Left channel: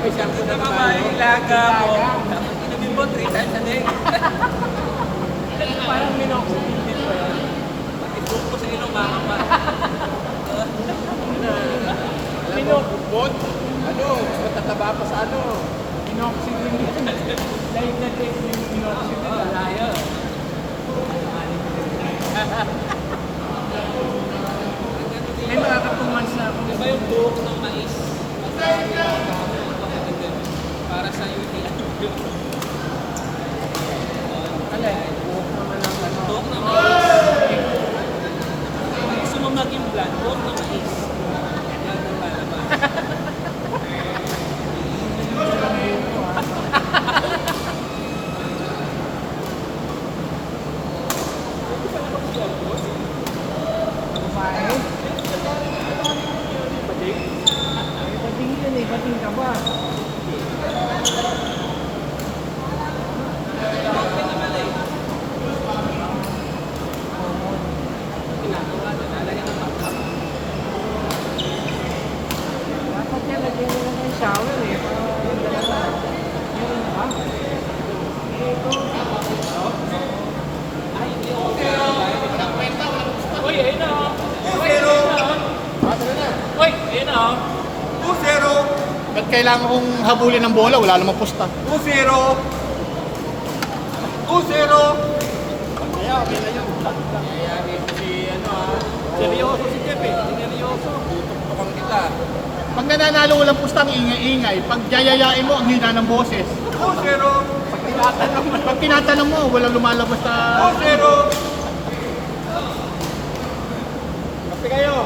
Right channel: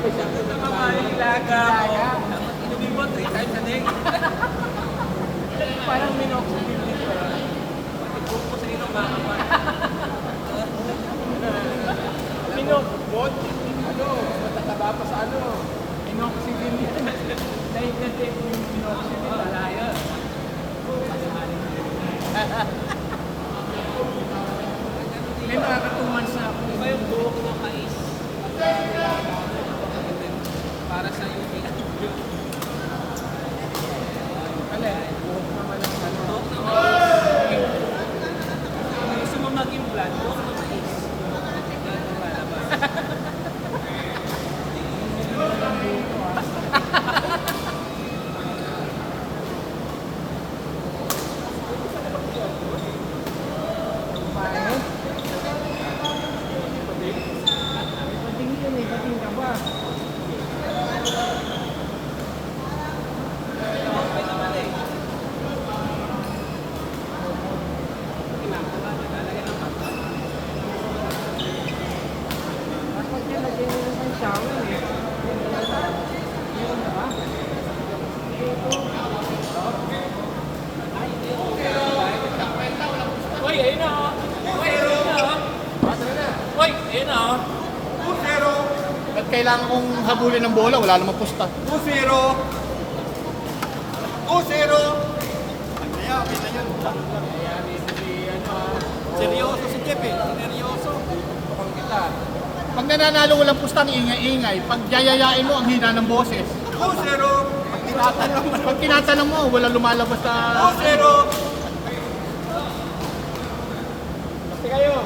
Ilaga mo. Dapat inumin mo 3 times a day. Parang minoxidil din pa yun. Ibuko ko sa ilong baka pa. Minoxidil? Ano, matataba pa sa ano. Minoxidil yan. Dahil na take yung minoxidil. Malayo. May makakatumans na ako. Di ba yung buhok ng mais? Para sa UTI. Alay, buhok naman ang ano. Buhok ng mais. Kung gusto mo maging blood, buhok ng mais. Blood ang lalabas. Kumain. Ay, bating yun eh. Bating ka ba? Dapat niya lagyan mo ng shower eh. Meron na ba? Ito. Uy, ayun na oh. Uy, ayun na oh. Uy, ayun na oh. 2-0. Ba't kailangan kong habulin ng bola? Wala namang pusta. 2-0. 2-0. Seryoso si Jeff eh. Seryoso. Tutukan kita. Pag nananalo walang pusta, ang ingay-ingay. Pag yayayain mo, ang hina ng boses. 2-0. Pag tinatanong mo, walang lumalabas na... 2-0. Kasi kayo.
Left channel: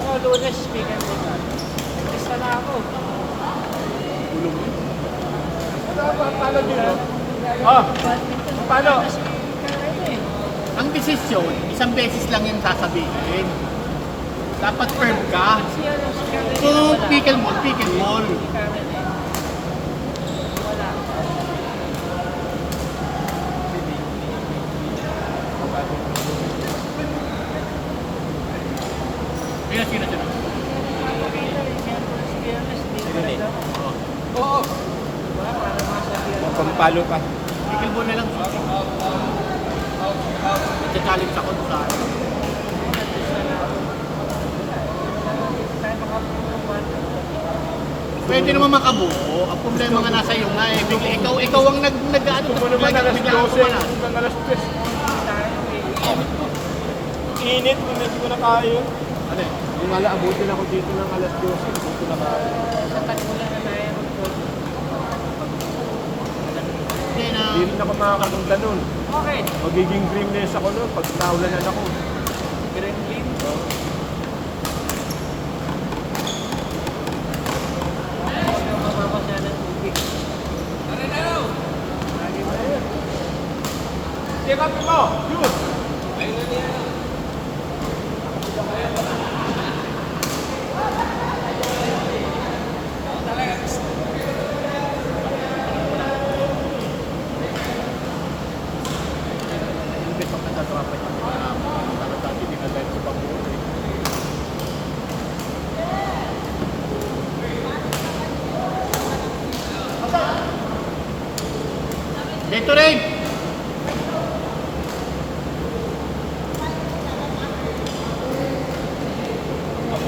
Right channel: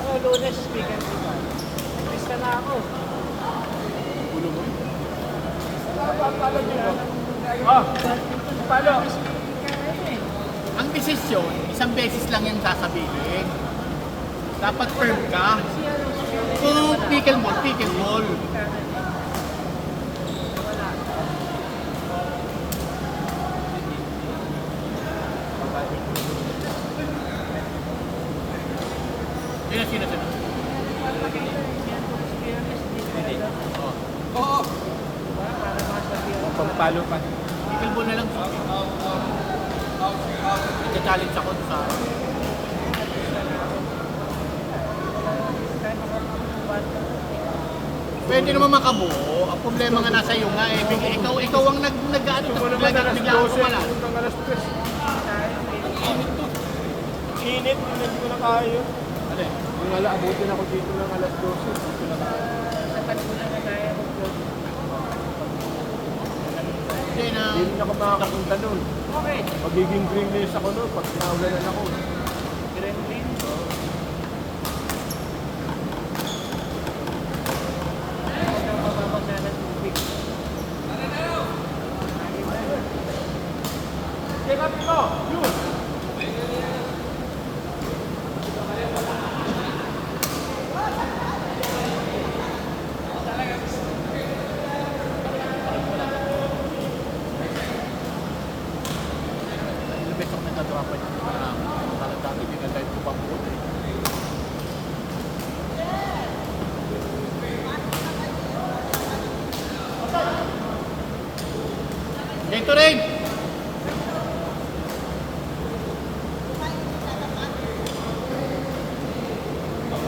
Oh, Lunes, speaker ko ba? Basta na ako. Bulong mo. Paano yun? Paano? Ang desisyon, isang beses lang yung sasabihin. Dapat firm ka. Kung pickle ball, pickle ball. Wala. Kaya sino sila? Oo. Diba? Para masabihan ko. Palo pa. Pickle ball na lang. Challenge ako sa akin. Pwede naman makabuo. Ang problema nga nasa iyo nga eh. Ikaw ang nag-ano. Bigla ako wala. Init, hindi ko na kaya. Ano? Yung abutin ako dito ng alas 12. Hindi ko na kaya. Tapat mo lang na tayo mag-vlog. Hindi na. Hindi rin ako makakakanta nun. Okay. Magiging dreamless ako nun pag naulanan ako. Green bean. Huwag kang mababasa ng tubig. Lagi ba yun? Check up mo! Yun! Hindi pag nagtatrapan yung mga kalau dati dinadahil ko pa buo. Gatorade!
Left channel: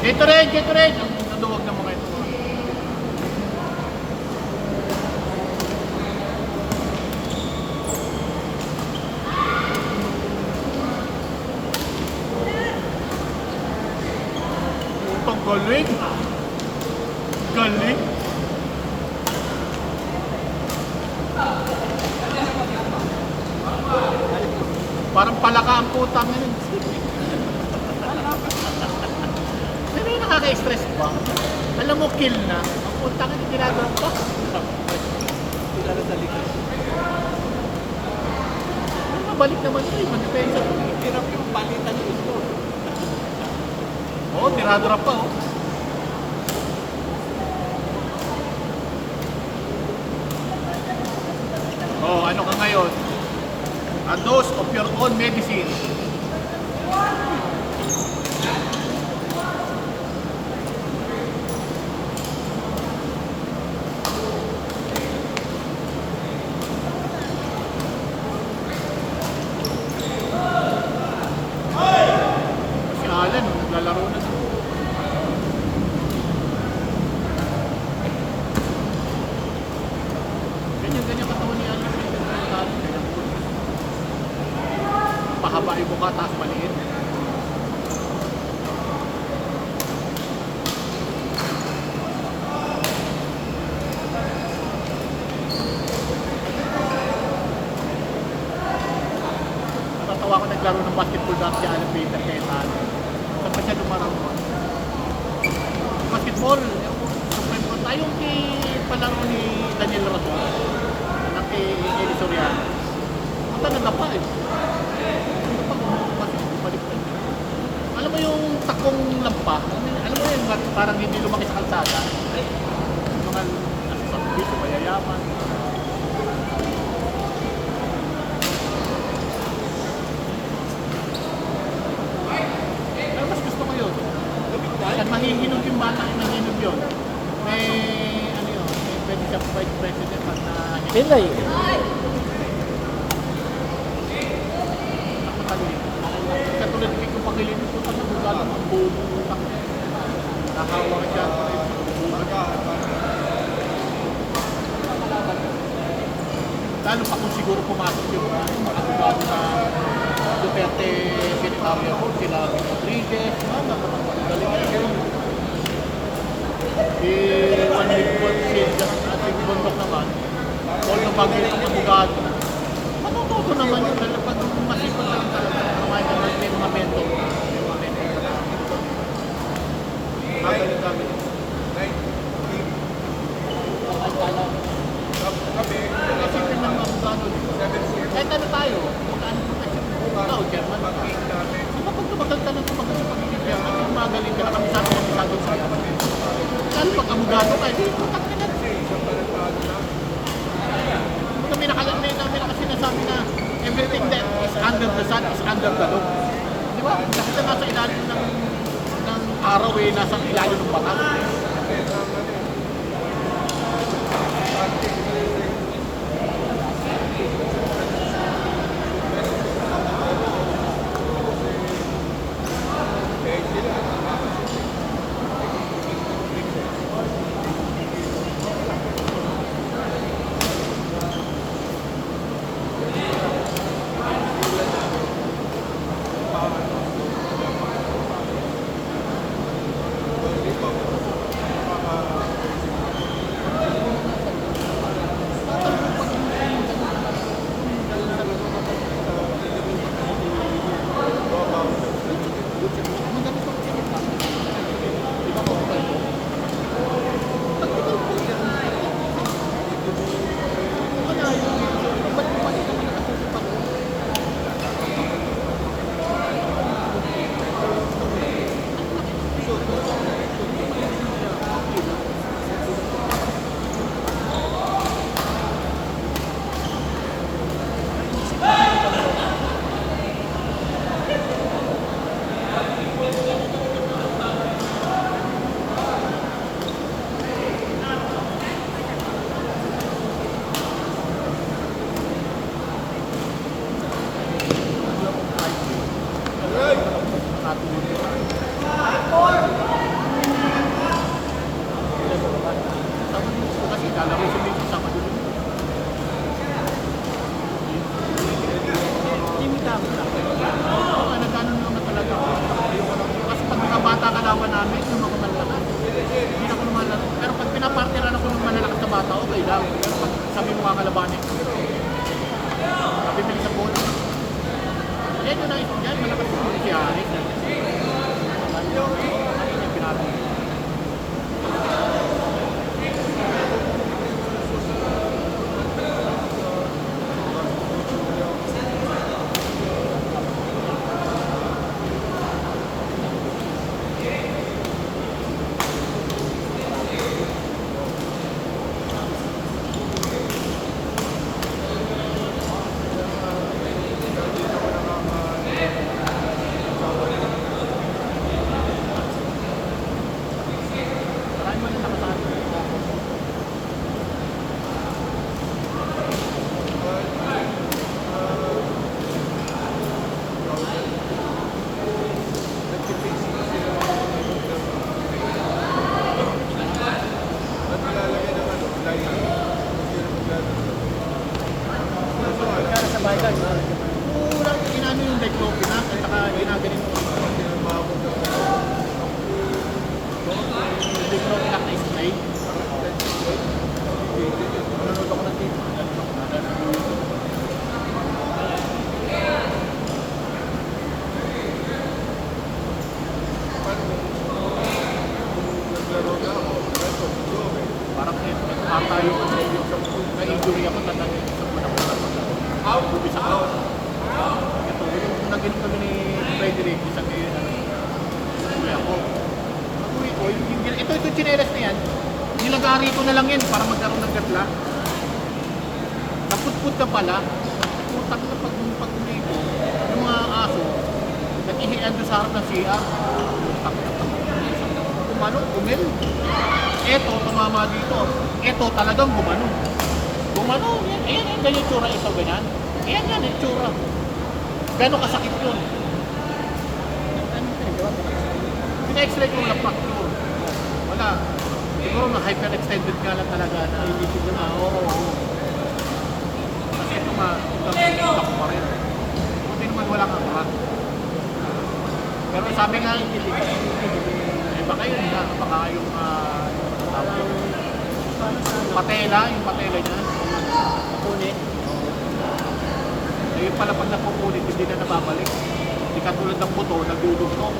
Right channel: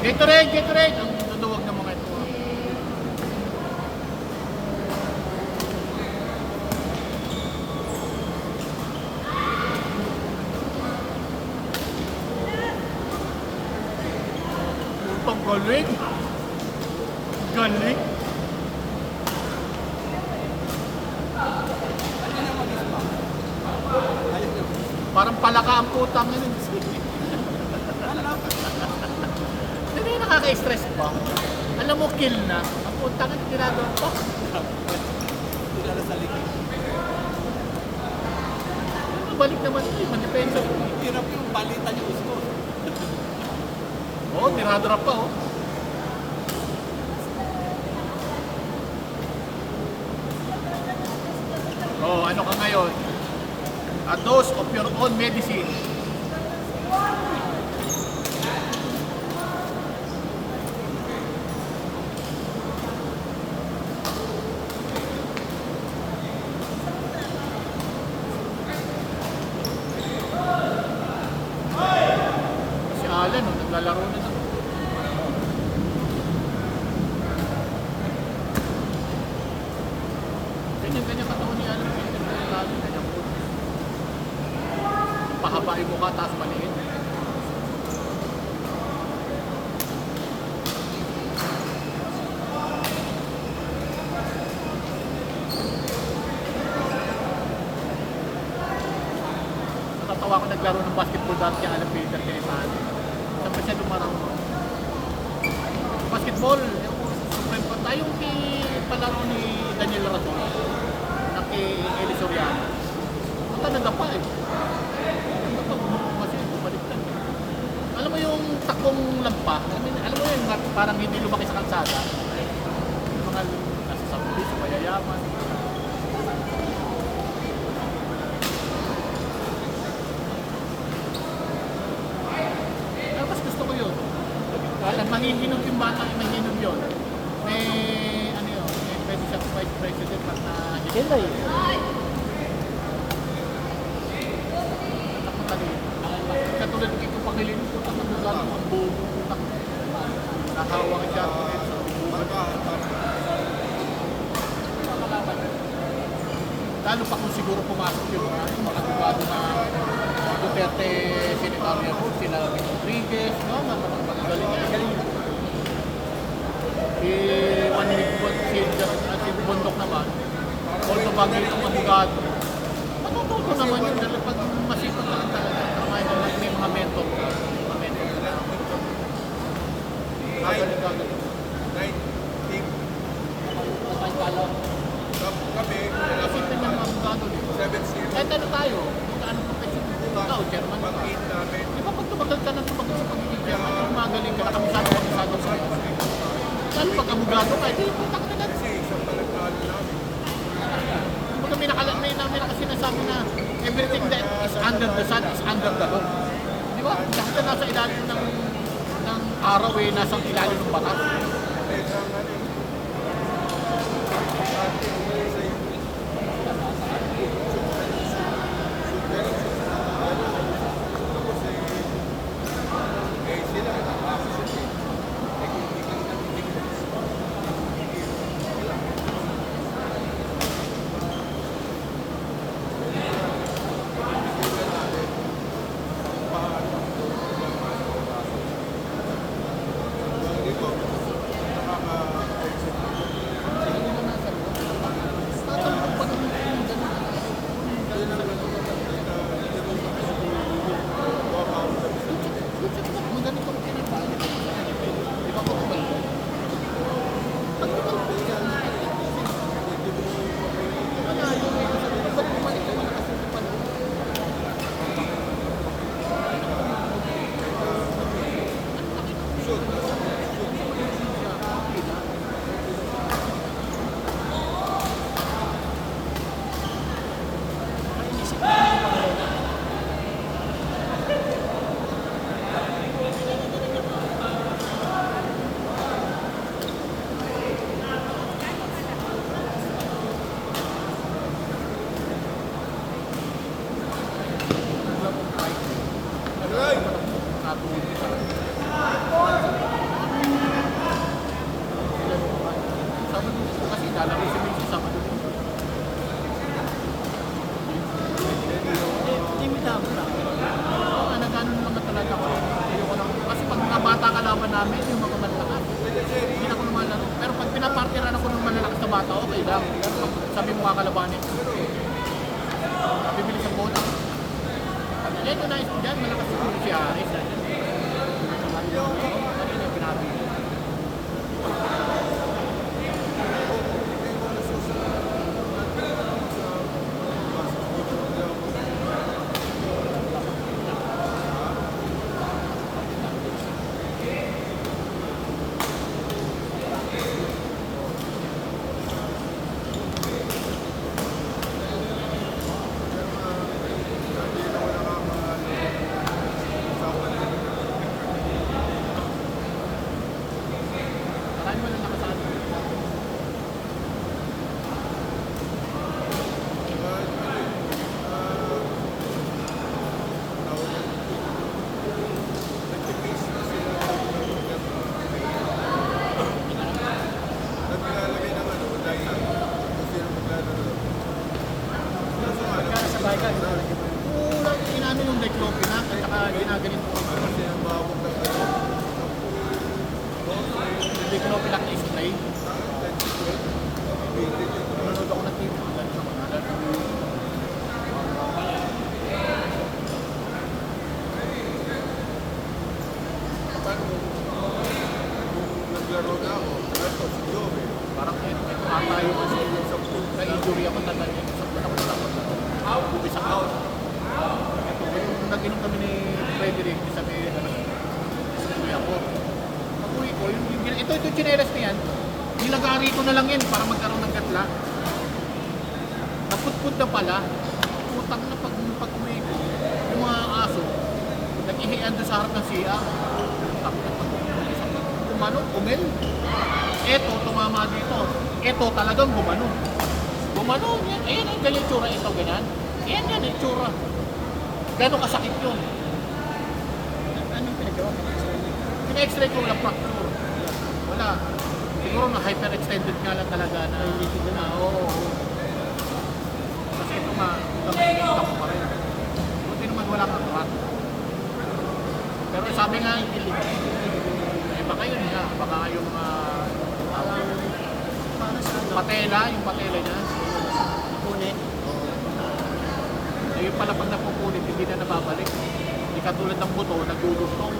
Gatorade! Gatorade! Ang tutuwag ng mga ito. Putang galing! Galing! Parang palaka ang putang yun. Pero yung nakaka-stress ba? Alam mo, kill na. Ang putang yun, ginagawa pa. Balik naman ito, mag-depensa. Hirap yung balitan yung gusto. Oo, tirado-rap pa, oh. Oh, ano ka ngayon? A dose of your own medicine. Wala no, naglalaro na sa ganyan katawan niya ano, ganyan po. Pahaba yung mukha, taas maliit. Natatawa ko naglaro ng basketball dati si Alan Baker kay Tano. Saan pa siya lumaraw nun? Basketball, yung friend ko, tayong palaro ni Daniel Razon na kay Eli Soriano. Punta na dapa eh. Dapa, kasi baliktad. Alam mo yung takong lampa? Alam mo yun, parang hindi lumaki sa kalsada. Yung mga nasa sa piso, mayayaman. Mas gusto ko yun. At mahihinog yung bata, mahihinog yun. May, ano yun, may pwede siya vice president pag na... Pinay. Nakakalimutan. Katulad dito pag ngayon, putang na buga ng ang buo ng utang. Nahawang siya pa rin sa bubuhan. Lalo pa kung siguro pumasok yung mga advocado na Duterte, Senator Leopol, sila Rodriguez, napakagaling na galing. Si Bondok naman, although bagay itong abogado, matututo naman yun, dahil pag masipag ka lang talaga, kamahin ka lang may mga mentor na, gagaling. Kasi yung mga abogado dito, kahit ano tayo, magkano profession mo, ikaw, German ka. Di ba pag tumagal ka ng tumagal sa pagiging German, yung magaling ka na kamisado sa yan. Lalo pag abogado ka, di putak na yan. Kumbaga may nakasinasabi na everything that is under the sun is under the law. Di ba? Dahil ka nasa ilalim ng araw eh, nasa ilalim ng batas. bata, okay lang. Pero pag sabi mo nga kalabanin, bibili sa bola. Yan yung nais dyan, malakas yung si Aris. Kami na yung pinabili. ata yung na-injury ako, tatangin sa mga nakalapag ako. Bubis ako. Ito, yung nag-inom kami ni Frederick, sabi, uwi ako. Pag-uwi ko, ito chinelas na yan, nilagari ko na lang yan para magkaroon ng gatla. Naputput na pala, putang na pag-uwi ko, yung mga aso, nag-ihian doon sa harap ng CR. Umel. Eto, tumama dito. Eto talagang gumano. Gumano, yan, ganyan tsura ito, ganyan. Yan, yung tsura. Gano'ng kasakit yun? Ano yung pinagawa? Pina-x-ray ko lang fracture. Wala. Siguro na hyperextended nga lang talaga na. Oo. Kasi ito nga, ito pa rin. Buti naman wala kang crack. Pero sabi nga, baka yun nga, baka yung mga tawag lang. Patela, yung patela niya. Punit. Oo. Eh, yung pala pag napupunit, hindi na nababalik. Hindi katulad ng buto, nagdudugtong.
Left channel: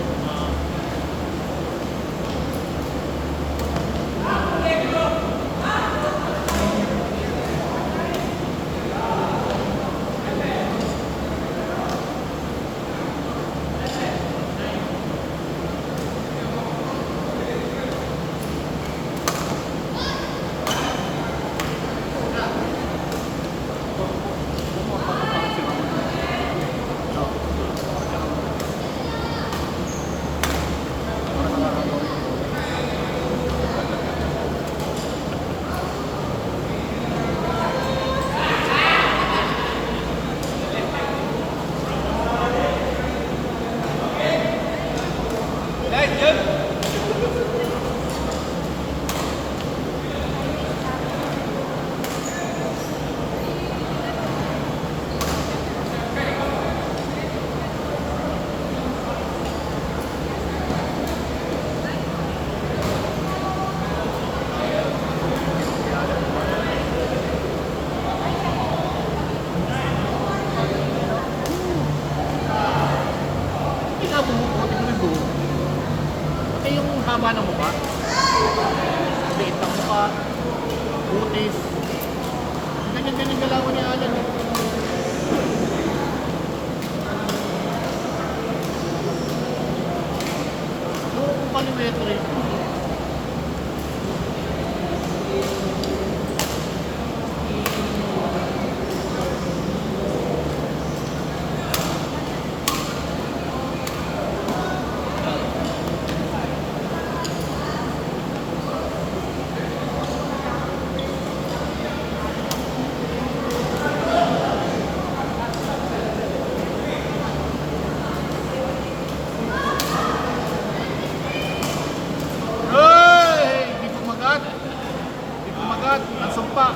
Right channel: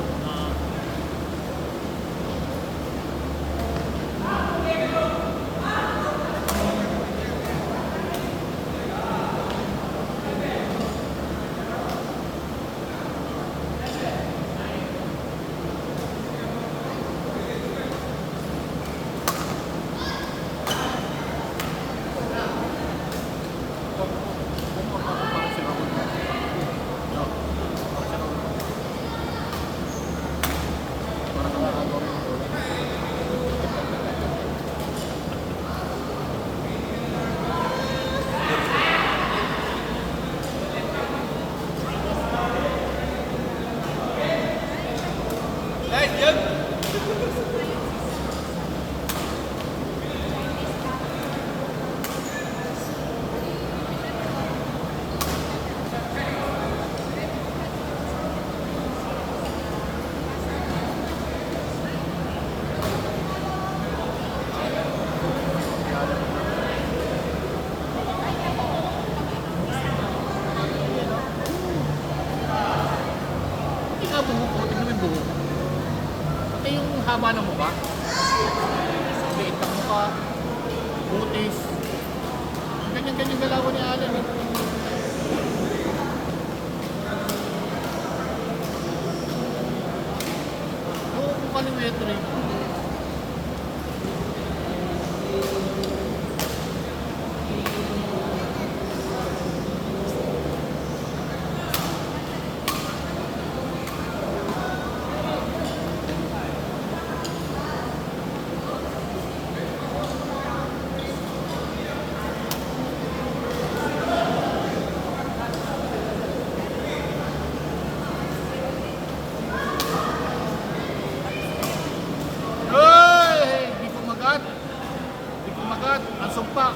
Haba ng mukha, liit ng mukha, butis, ganyan-ganyan galawan ni Alan. Noong kaliwete rin po. Ang sumpa.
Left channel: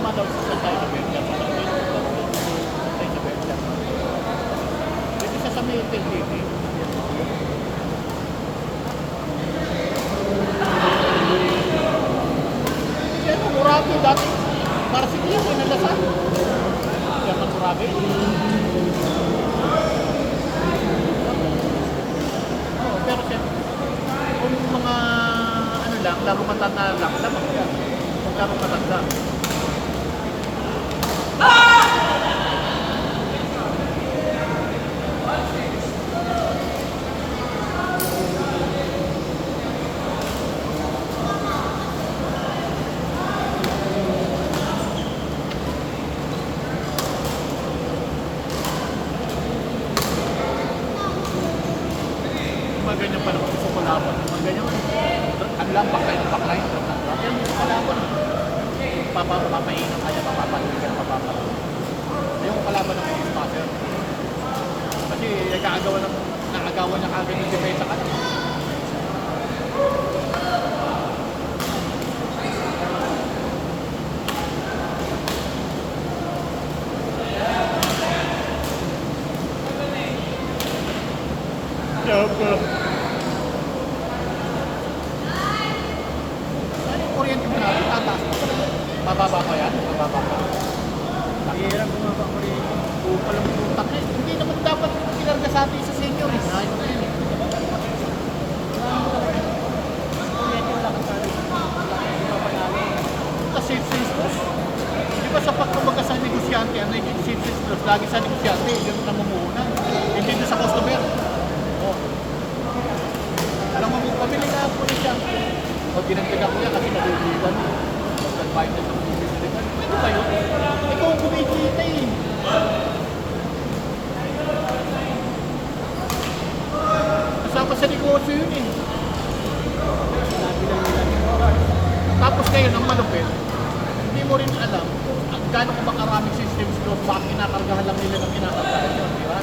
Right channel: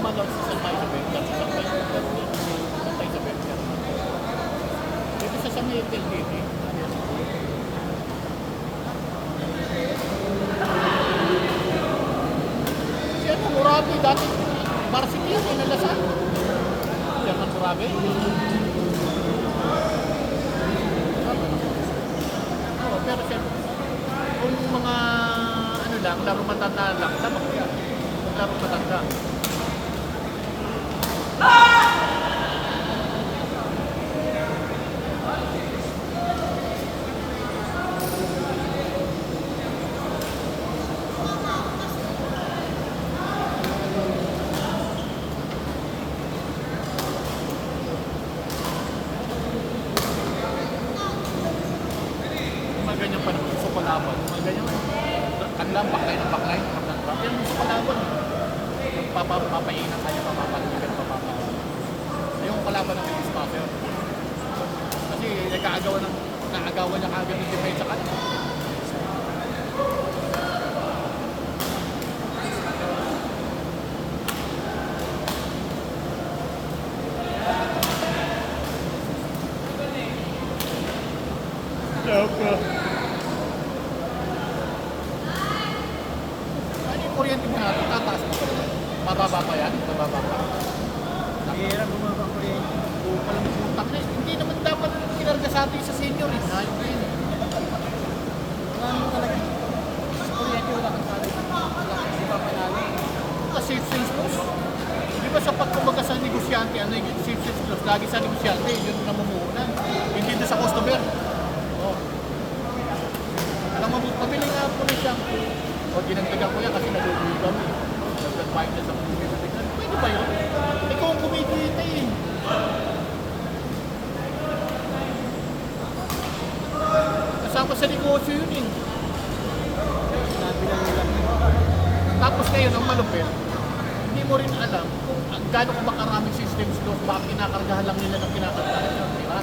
lumalaw sa San Carlos. Kasi ano, Murabi dati, varsity yun, nalasan. Yan ang Murabi. Oo, pero siyempre, kung mga ano lang, laro matanda lang, lamang yan. Kung laro matanda. Mga ganyan pa naman, gusto ko laban. Mga ganyan, tandaan bakay ng bakay, pero gusto ko laban. Yung papapahingan kaya papapalitan ng papapalitan. Yung kalaban ng X-Passer. Kasi nakagawa niya kagad yung depensa ka. Ano yung kuryente mo natin? Tataas na. Mababa ko yan? Mababa ko. Mahirap bumaba ko rin. Palang putak na. Hindi naman dapat pinarga sa atin sa senior. Hindi yun. Kuryente wala kang pare. Hindi pa panalo. Kasi safe clause. Di ba sa pagkabaga sa negosyante, ano yung safe clause? Lagi sa negosyante, yun ang namumuhunan. Hindi doon sa customer. Oh. Alam mo, pamili na po siya. O ginagdagan ko yan kasi mabubugan. Nagbayad ka sa bubugan. Pwede ba yun? Ikaw ang kumikita eh. Kasama sa negosyo yun eh. Tapos ngayon, ang malupit, hindi mo rin alam kung gaano ka ba karaming systems doon, bakit kinakargahan lang nila ng kinakargahan. Diba?